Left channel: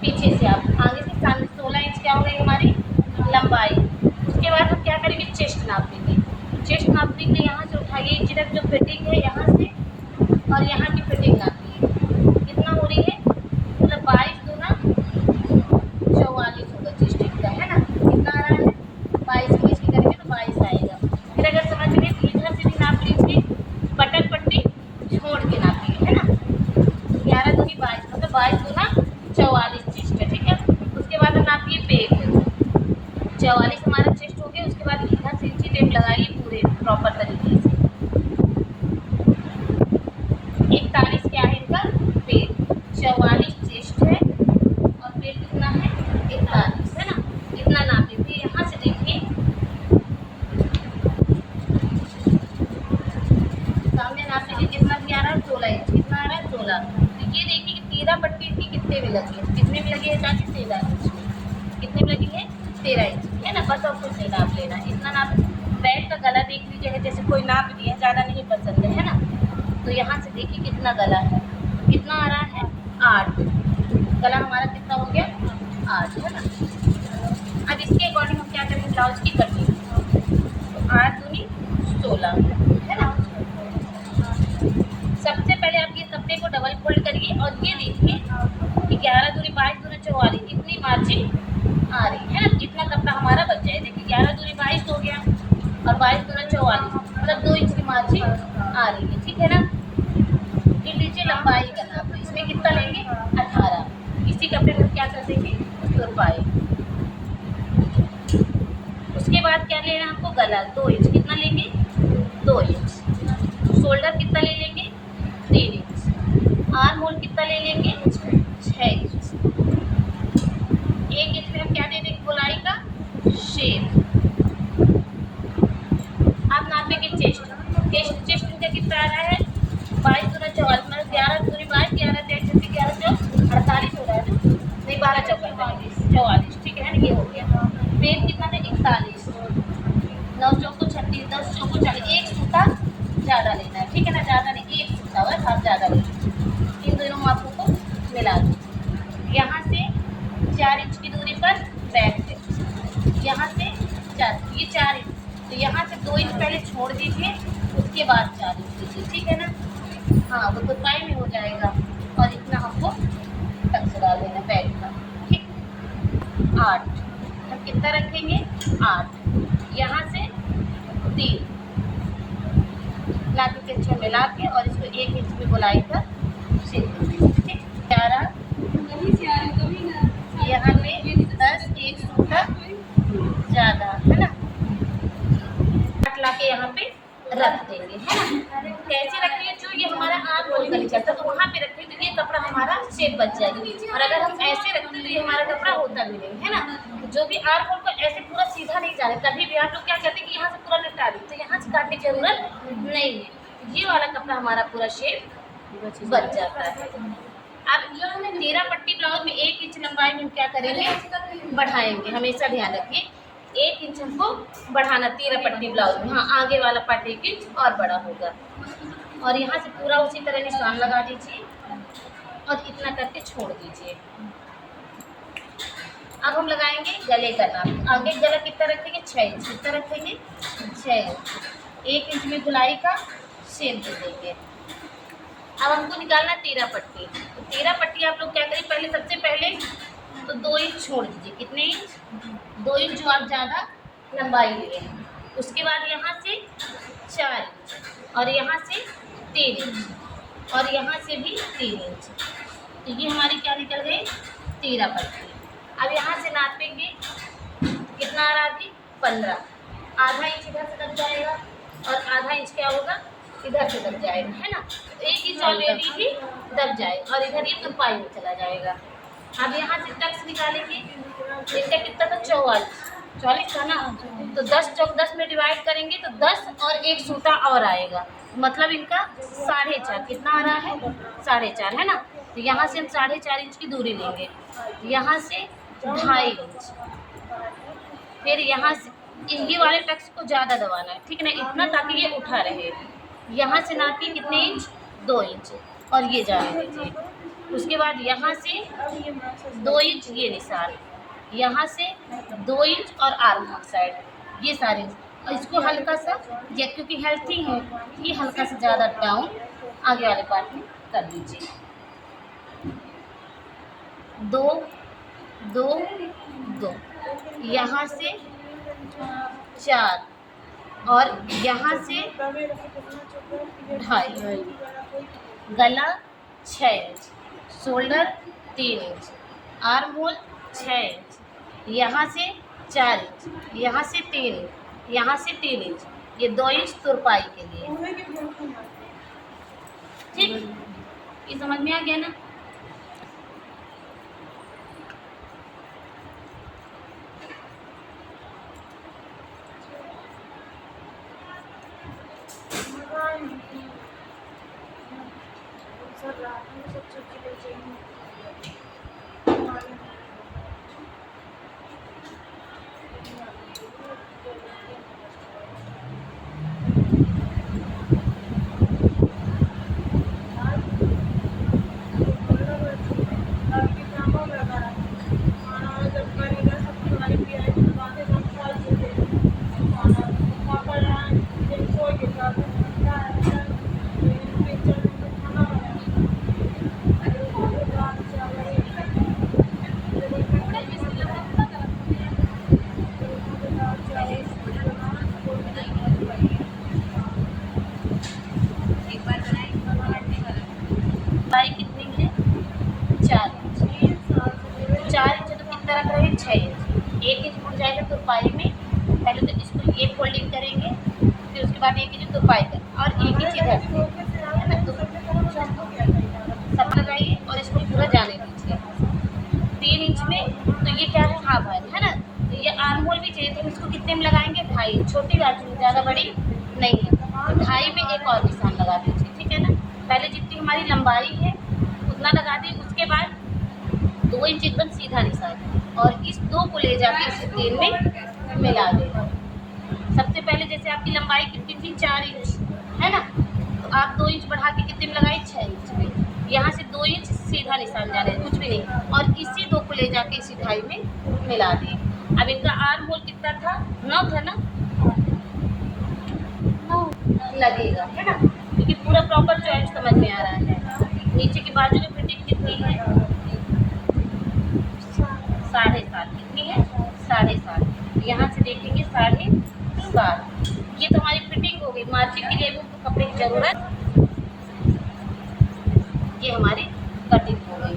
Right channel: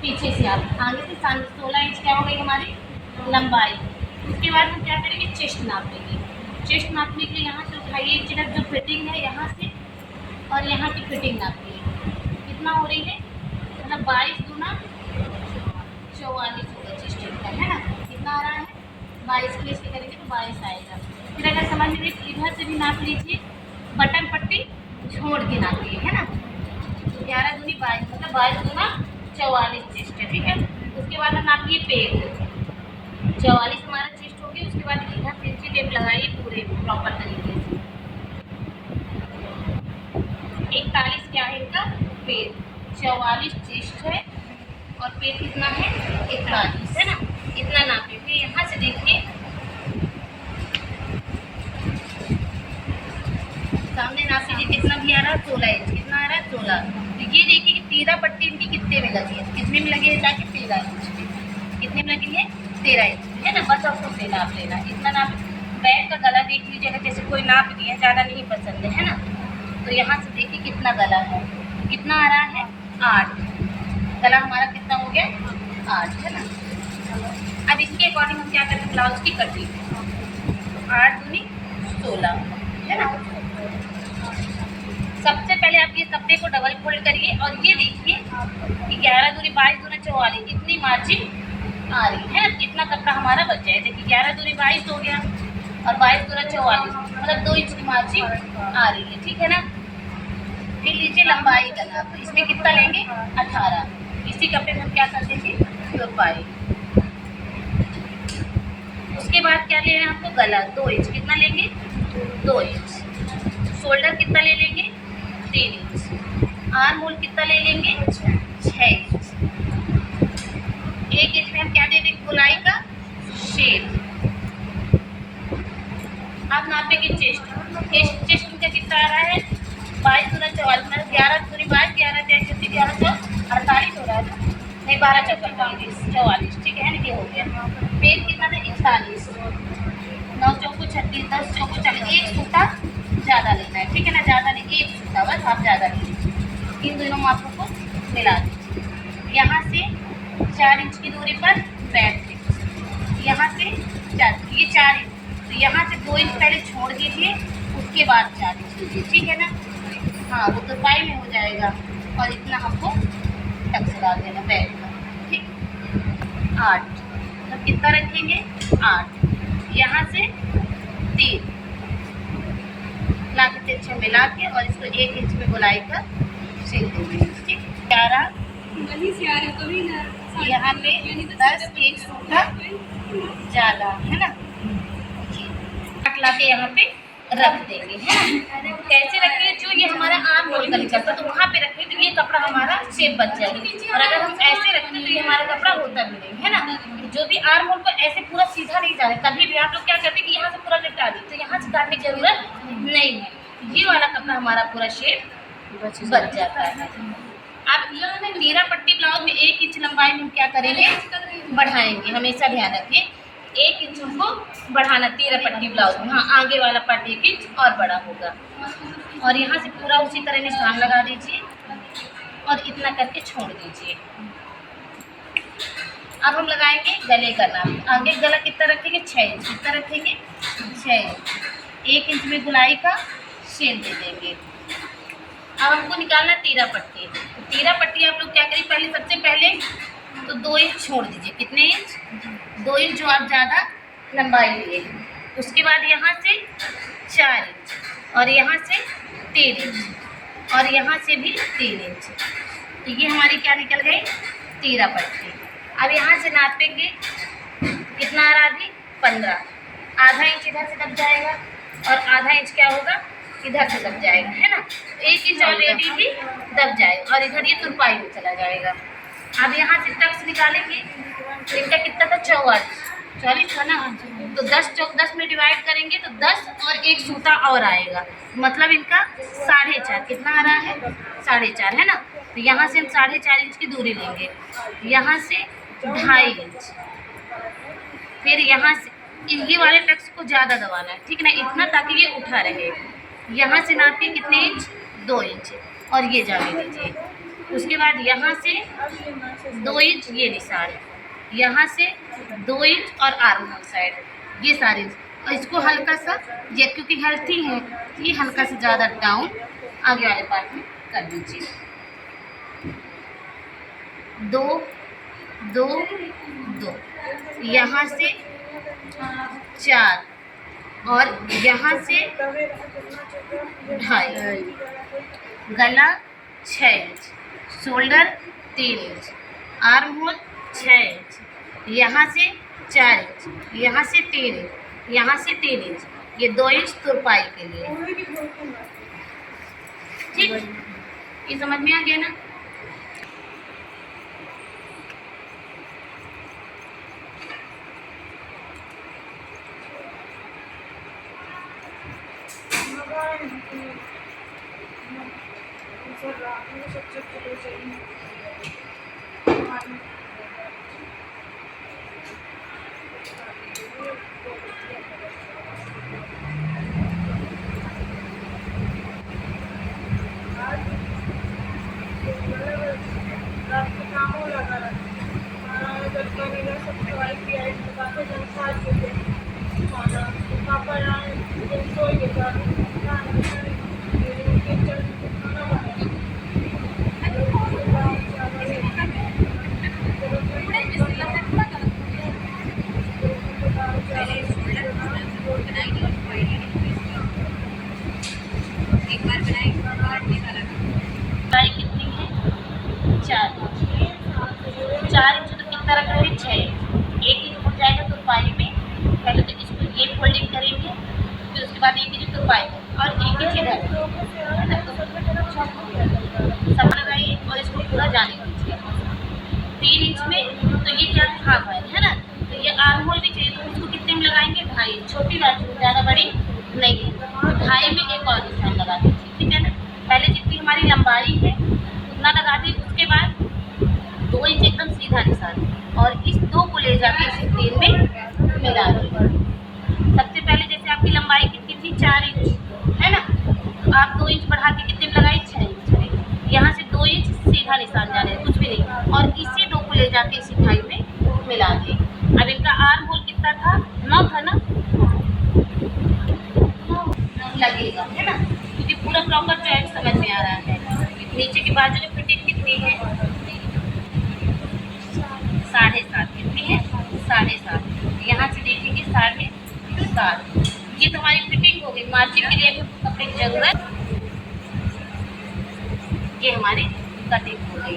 पीछे से आप आगे से 16 इंच क्या हो गई हमारी लंबाई। उसके बाद हम क्या करेंगे, चेस्ट नाप लेंगे। चेस्ट नापने के लिए यहाँ से उठाइए इधर जो फिटिंग है यहाँ से और यहाँ की फिटिंग नापिए, कितना हो रही है, मतलब 22×2 = 44 होगा चेस्ट का, है ना। कितना आ रहा है, 22 को इसके करेंगे तो 22 आएगा। फिर अगर समझ में तो इधर से भी नाप लीजिए, बटन पट्टी छोड़ के नापिए, है ना। 11×2=22 मतलब 22×44 चेस्ट है, ठीक है। उसके बाद हम नापिए पेट, 44 हमारा चेस्ट हो गया। उसके बाद इधर से इंची टेप लगाइए पूरे प्रॉपर तरीके से। 41 क्या है इनका पेट, 44 चेस्ट है और पेट कितना है 41, है ना। इतना नापिए। फिर यहाँ से देखिए सामने नाप लीजिए कितना भी आ रहा है, 16 इंच। कितना आ रहा है 16। तो ये देखिए कि 13 पट्टी इनकी कितने में लगी है, कितने में लगी है ताकि 13 इंच में। कितने में लगी है 13 इंच, है ना। बस आपको से नाप लेना, इतना नाप। बैक का गला देख लीजिएगा, जैसे कोई नाप दिए ज़्यादा नहीं पसंद है ना। तो यहाँ से देखिए कितना गला है, कितना आ रहा है 8। गला हमारा कितना हो गया 8, है ना। अब इसके अकॉर्डिंग हम क्या करेंगे, ब्लाउज की कटिंग। तो 8×2=16, है ना। सबसे पहले आप ये कपड़े को डबल फोल्ड करिए और ये देखिए कि 11×2=22×44 इतनी मार्जिन आ रही है ना। इतना कपड़ा हमारा बच जाए। देखिए 11×2=22 हो गया और 22×44 मतलब 2 इंच की मार्जिन आ रही है, ठीक है ना। फिर लीजिए लंबाई का नाप, तो इसमें कितना लेंगे 18। इसी कपड़े को क्या कर देंगे तुरपाई। उसके बाद क्या लेना है आपको, गला 2 इंच। कितना लेंगे 2 इंच। शोल्डर कितना ले लेंगे 3 इंच। आर्म होल कितना ले लेंगे 6 इंच। 1 इंच में हम क्या दे देंगे गोलाई का शेप। आप नापेंगे चेस्ट, चेस्ट का कितना आ रहा है 22×44 मतलब 11×2=22, 11×2=11×4=48 हो रहा है ना। नहीं 12×4=44, ठीक है ना। ये हो गया। पेट कितना था 41, 9×4=36, 10×4=40। एक सूता ज़्यादा लेना है, ठीक है ना। ज़्यादा नहीं, एक सूता बस आप ज़्यादा लीजिए। इन दोनों मापों को मिला दीजिए। यहाँ से 4 इंच की दूरी पर बैठ के, यहाँ से 4, ये 4 इंच। तो यहाँ से 2 इंच पहले छोड़ दीजिए, उसके बाद 4 इंच लीजिए, ठीक है ना। हाँ वो तुरपाई में हो जाएगा। और इतना हमको टक्स डाल देना बैक का, ठीक। 8 मतलब कितना रखेंगे 8। यहाँ से 3 ला के 3 मिला के और इसको 1 इंच में गोलाई का सिल देंगे, ठीक। 11 यहाँ पे 10, एक सूटा ज़्यादा, है ना। 8 ला के यहाँ पे रख देंगे, है ना। कैसे रखेंगे, जो ये हमारा आर्म होल का निकलता तो वहाँ पे रखेंगे तो ये कपड़ा हमारा शेप बच जाएगी। और अगर हम ऐसे रखते तो ये हमारा कपड़ा होता भी नहीं, है ना। जो भी आर्म होल को ऐसे पूरा सीधा नहीं जा रहा, कभी भी आप लोग क्या करते हैं कि यहाँ से पूरा निपटा दी, तो यहाँ से काटने की जरूरत नहीं है। ये वाला कपड़ा हमारा पूरा शेप बच जाता है। अब 13 पट्टी ब्लाउज में 1 इंच लंबाई में हम क्या करेंगे बढ़ाएंगे, हमेशा ध्यान रखिए 1 इंच हमको बढ़ाना 13 पट्टी ब्लाउज में। हाँ आगे वाला पार्ट 1 इंच और बड़ा होगा। और यहाँ से पूरा उसी तरह निशान लगा दीजिए और इतना करके छोड़ दीजिए। अब हम लगाएंगे गले का नाप। आगे गला कितना रखेंगे 6 इंच। कितना रखेंगे 6 इंच। 1 इंच में गुलाई का शेप दे देंगे। अब हमको निकालना 13 पट्टी। तो 13 पट्टी आप लोग क्या करें, पहले सबसे पहले तो 2 इंच छोड़ दीजिए। कितने इंच 2 इंच जो आप ज़्यादा लंबाई लिए। उसके बाद यहाँ से 4 इंच और यहाँ से 3 इंच और यहाँ से भी 3 इंच। तो ये हमारी क्या निकल गई 13 पट्टी। अब यहाँ से नापेंगे कितना आ रहा थी 15। आधा इंच इधर से दब जाएगा और आधा इंच क्या होगा इधर से दब जाएगा, है ना। 1 इंच ऑलरेडी भी दब जाएगा और इधर ये तुरपाई में चला जाएगा। अब यहाँ से टक्स निकालेंगे तो इनका कितना था 44 था ना। तो 10 में डिवाइड करेंगे तो 10 और 1 सूता और आएगा, मतलब इनका 4.5। कितना आ रहा है 4.5, है ना। तो यहाँ से हम 4.5 इंच की दूरी लेंगे, यहाँ से 2.5 इंच। फिर यहाँ से ये वाले टक्स को ज़्यादा दबाना है, ठीक है ना, इतना ताकि ये उठा रहे। यहाँ से नापिए कितने इंच 2 इंच और ये जाने दीजिए। उसके बाद यहाँ से 2 इंच ये निशान, यहाँ से 2 इंच और आर्म होल साइड ये सारे इंच। और इसको हल्का सा, ये क्योंकि हेल्थी है ये हल्का सा ज़्यादा डाउन आगे वाले पार्ट में कर दीजिए। 2 2 2, यहाँ से 4 और यहाँ से 2.5, गला 6 inch, shoulder 3 inch, arm hole 6 inch, यहाँ से 4 इंच, यहाँ से 3 इंच, यहाँ से 3 इंच, ये 2 इंच तुरपाई के लिए। ठीक, ये समझ में आ गया ना। लंबाई कितनी है? 4 इंच। 4 इंच तो कितना रख रहे हैं? 6 इंच। 1 इंच मुड़ जाएगा तुरपाई में। पहले तो इसको ये फोल्डिंग करेंगे, फिर उसके बाद 1 इंच तुरपाई करेंगे और 1 इंच इधर है ना, तो सब लगाइए और इसको पूरा जाने दीजिए। 3 इंच में तो ये क्या था भाई, है ना, तो ये आर्म होल भी चाहिए, तो इसको कितने में लगाएंगे? 2.5। छोटी बाजू ज़्यादा बड़ी नहीं है, तो 2.5 में एक और निशान लगा दीजिए। ठीक है ना, पहले जितनी हमारी लंबाई है उतना लगा दी, उसके बाद 2 इंच एकदम सीधा निशान और इस 2 को ले जाके इस 3 में मिला दें। सबसे पहले जैसे आपकी लंबाई कितनी थी? 4 इंच, है ना, तो आप 2 इंच बढ़ा के कितने में लगाई? 6 इंच में। यहाँ से 2 इंच सीधा निशान जाने, कुछ भी नहीं, और इसी 2 को ले जाके इसी 2.5 में मिला दें। अब इनका आर्म होल कितना था? 9 था ना, लगेगा, है ना, क्योंकि पूरा प्रॉपर जॉइंट समझ में आ रहा है। नीचे की बाजू में फिटिंग कितनी है? 7.5। कितनी है? 7.5। यहाँ से देखेंगे 7.5। ये तो हमारी फिटिंग हो गई। मार्जिन के लिए भी कपड़े की जरूरत, ये हमारी कटिंग हो गई।